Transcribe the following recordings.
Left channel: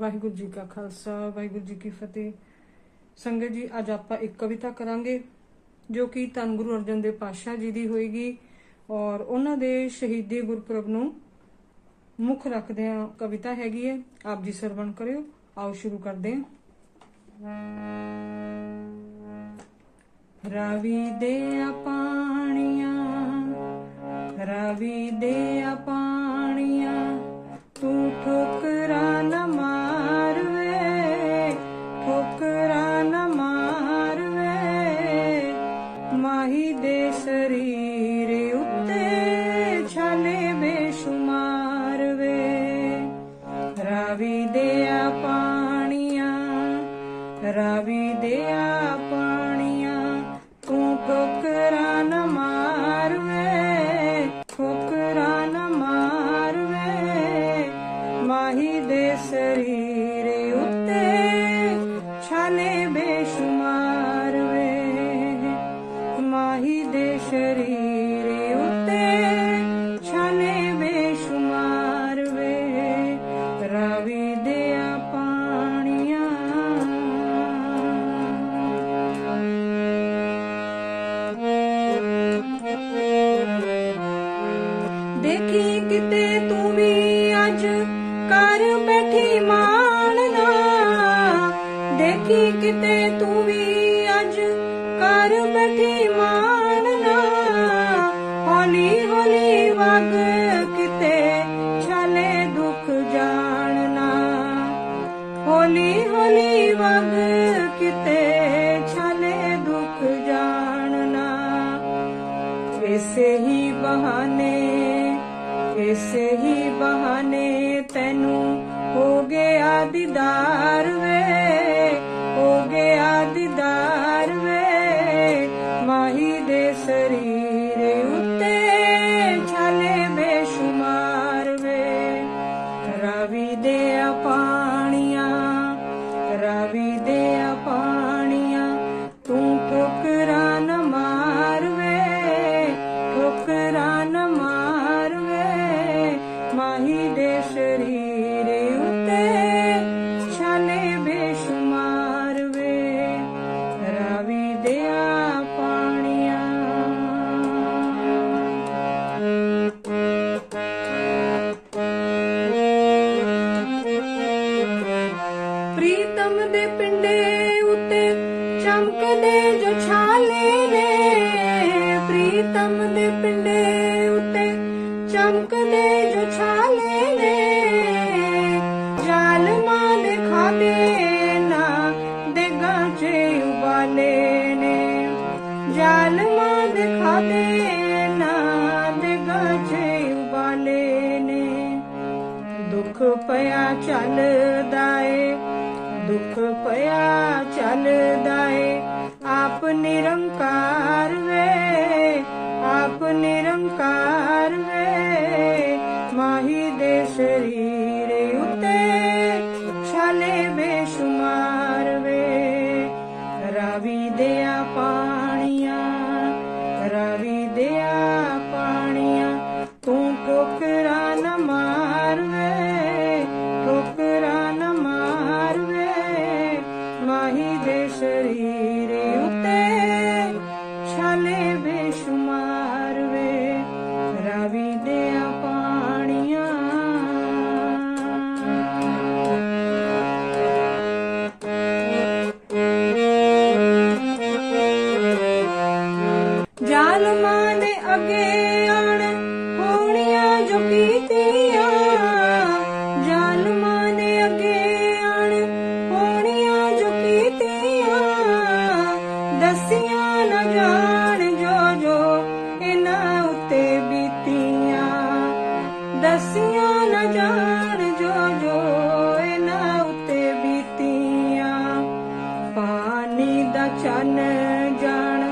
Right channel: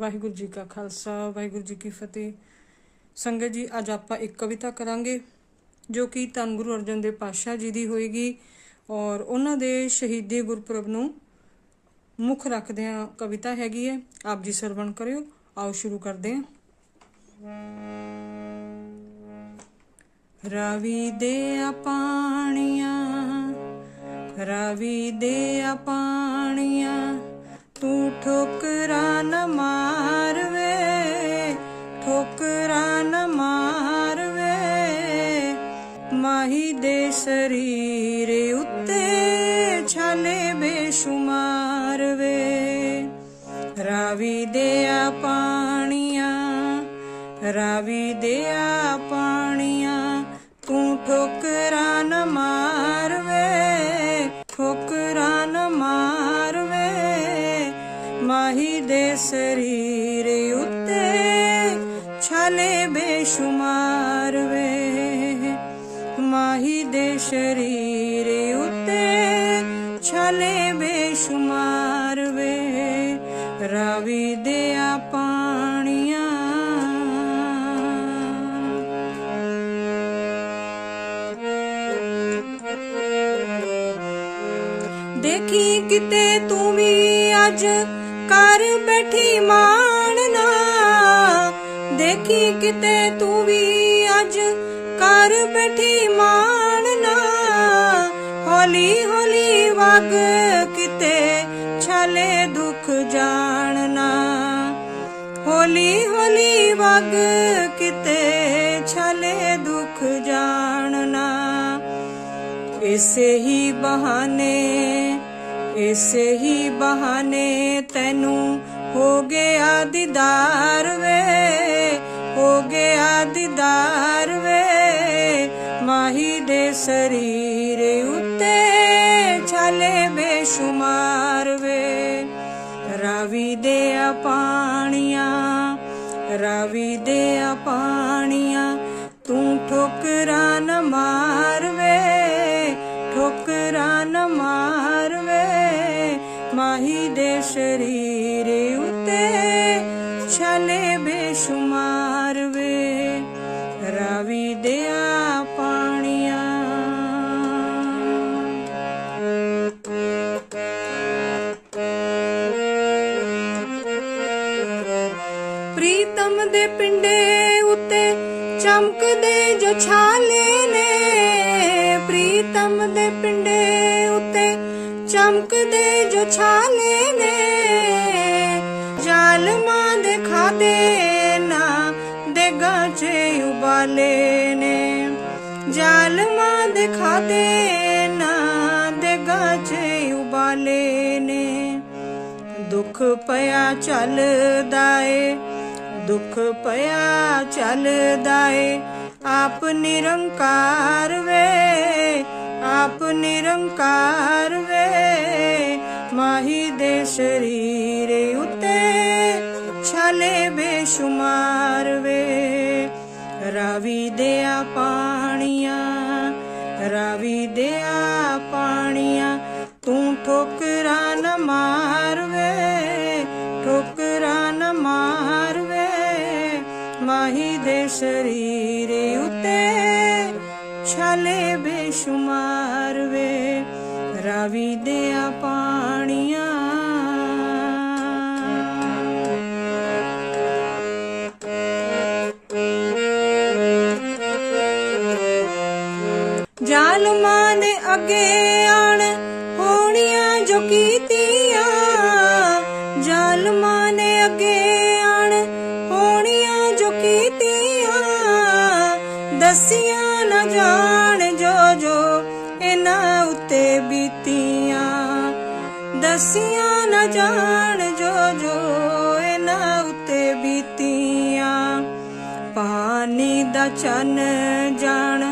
ਵਾਹਿਗੁਰੂ ਜੀ ਕਾ ਖਾਲਸਾ, ਵਾਹਿਗੁਰੂ ਜੀ ਕੀ ਫਤਿਹ। ਸੰਗਤ ਜੀ, ਅੱਜ ਆਪਾਂ ਇੱਕ ਕਵਿਤਾ ਕਰਾਂਗੇ, ਜੋ ਕਿ ਧੰਨ ਗੁਰੂ ਅਰਜਨ ਦੇਵ ਪਾਤਸ਼ਾਹ ਜੀ ਦੀ ਹੋਏਗੀ ਔਰ ਉਹਨਾਂ ਦੇ ਸ਼ਹੀਦੀ ਗੁਰਪੁਰਬ ਨੂੰ ਮੁੱਖ ਰੱਖਦੇ ਆ ਕਵਿਤਾ ਹੈਗੀ ਹੈ ਆਪ ਜੀ ਸਰਵਣ ਕਰਿਓ, ਆਓ ਸ਼ੁਰੂ ਕਰਦੇ ਹਾਂ ਰਵੀ ਦੇ ਪਾਣੀਆਂ, ਰਵੀ ਦੇ ਪਾਣੀਆਂ ਰਾਵੀ ਦੇ ਪਾਣੀਆਂ, ਤੂੰ ਠੋਕਰਾਂ ਨਾ ਮਾਰਵੇ, ਠੋਕਰਾਂ ਨਾ ਮਾਰਵੇ, ਮਾਹੀ ਦੇ ਸਰੀਰ ਉੱਤੇ ਛਾਲੇ ਬੇਸ਼ੁਮਾਰ ਵੇ ਮਾਹੀ ਦੇ ਸਰੀਰ ਉੱਤੇ ਛਾਲੇ ਬੇਸ਼ੁਮਾਰ ਵੇ ਰਾਵੀ ਦੇ ਅੱਜ ਘਰ ਬੈਠੀ ਮਾਣਨਾ ਦੇਖੀ ਕਿਤੇ ਤੂੰ ਵੀ ਅੱਜ ਘਰ ਬੈਠੀ ਮਾਣਨਾ ਹੌਲੀ ਹੌਲੀ ਵਗ ਕਿਤੇ ਛਲੇ ਦੁੱਖ ਜਾਣਨਾ ਹੌਲੀ ਹੌਲੀ ਵਗ ਕਿਤੇ ਛਲੇ ਦੁੱਖ ਜਾਣਨਾ ਇਸੇ ਹੀ ਇਸੇ ਹੀ ਬਹਾਨੇ ਤੈਨੂੰ ਹੋ ਗਿਆ ਦੀਦਾਰ ਵੇ, ਹੋ ਗਿਆ ਦੀਦਾਰ ਵੇ। ਮਾਹੀ ਦੇ ਸਰੀਰ ਉੱਤੇ ਛਾਲੇ ਬੇਸ਼ੁਮਾਰ ਵੇ। ਰਾਵੀ ਦੇ ਪਾਣੀਆਂ, ਰਾਵੀ ਦੇ ਪਾਣੀਆਂ, ਤੂੰ ਠੋਕਰਾਂ ਨਾ ਮਾਰਵੇ ਠੋਕਰਾਂ ਜ਼ਾਲਮਾਂ ਦੇ ਖਾਦੇ ਨਾ ਦੇਗਾ ਚ ਉਬਾਲੇ ਨੇ। ਦੁੱਖ ਪਿਆ ਚੱਲਦਾ ਏ, ਦੁੱਖ ਪਿਆ ਚੱਲਦਾ ਏ। ਮਾਹੀ ਦੇ ਸਰੀਰ ਉਤੇ ਦਸੀਆਂ ਨਾ ਜਾਣ ਜੋ ਜੋ ਇਹਨਾਂ ਉੱਤੇ ਬੀਤੀਆਂ। ਦਸੀਆਂ ਨਾ ਜਾਣ ਜੋ ਜੋ ਇਹਨਾਂ ਉੱਤੇ ਬੀਤੀਆਂ। ਪਾਣੀ ਦਾ ਚੰਨ ਜਾਣ,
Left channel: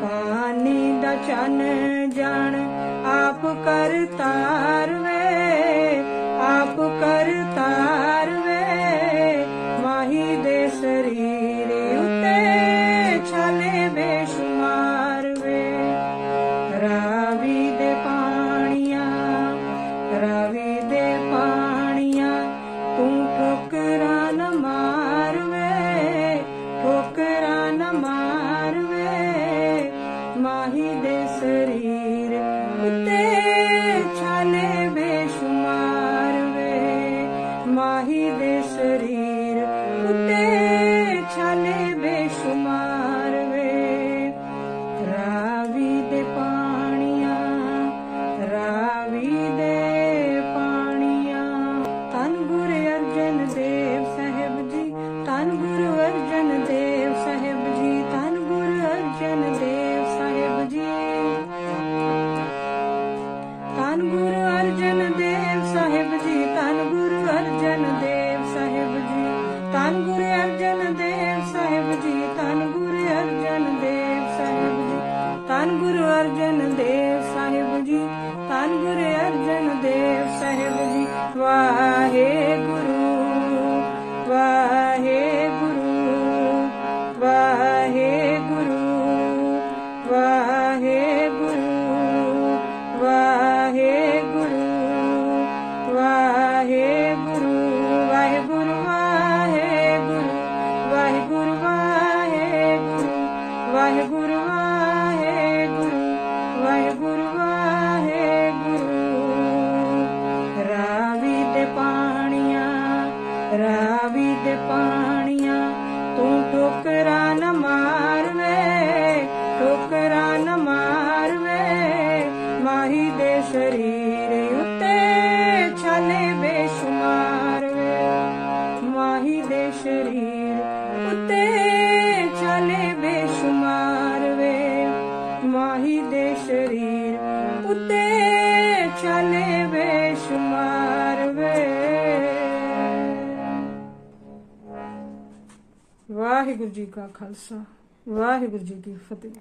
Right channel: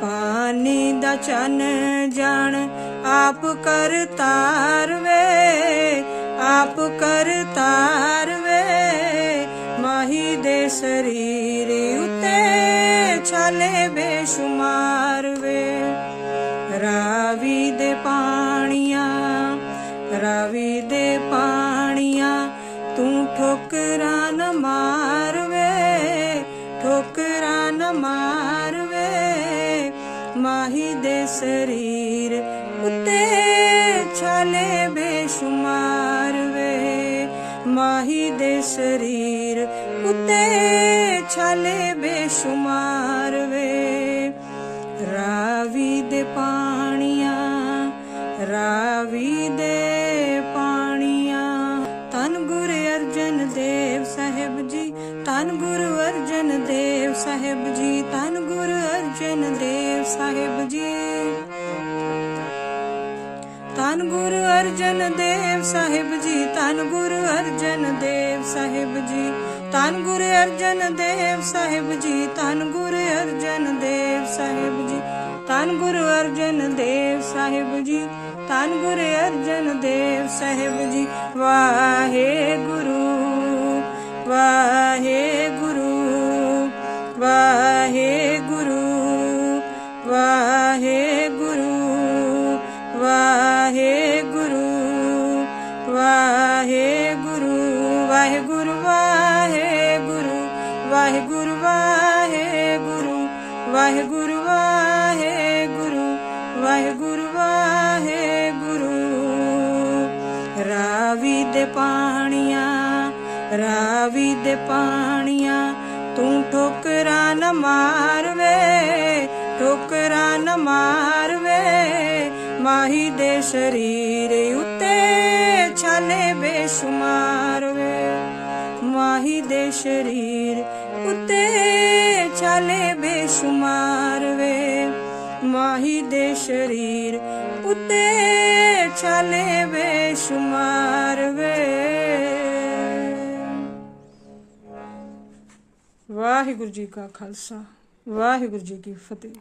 ਪਾਣੀ ਦਾ ਚੰਨ ਜਾਣ। ਆਪ ਕਰ ਤਾਰ ਵੇ, ਆਪ ਕਰ ਬੇਸ਼ੁਮਾਰ ਵੇ ਮਾਹੀ ਦੇ ਸਰੀਰ ਉਤੇ ਛਾਲੇ ਬੇਸ਼ੁਮਾਰ ਵੇ। ਰਾਵੀ ਦੇ ਪਾਣੀਆਂ ਰਾਵੀ ਦੇ ਅਰਜਨ ਦੇਵ ਸਾਹਿਬ ਜੀ, ਧੰਨ ਗੁਰ ਅਰਜਨ ਦੇਵ ਸਾਹਿਬ ਜੀ। ਧੰਨ ਗੁਰ ਅਰਜਨ ਦੇਵ ਸਾਹਿਬ ਜੀ, ਧੰਨ ਗੁਰ ਅਰਜਨ ਦੇਵ ਸਾਹਿਬ ਜੀ। ਧੰਨ ਗੁਰ ਅਰਜਨ ਦੇਵ ਸਾਹਿਬ ਜੀ, ਧੰਨ ਗੁਰ ਅਰਜਨ ਦੇਵ ਸਾਹਿਬ ਜੀ। ਵਾਹਿਗੁਰੂ ਵਾਹਿਗੁਰੂ ਵਾਹਿਗੁਰੂ ਵਾਹਿਗੁਰੂ। ਚਲੇ ਬੇਸ਼ੁਮਾਰ ਵੇ। ਵਾਹਿਗੁਰੂ ਜੀ ਕਾ ਖਾਲਸਾ ਵਾਹਿਗੁਰੂ ਜੀ ਕੀ ਫਤਿਹ।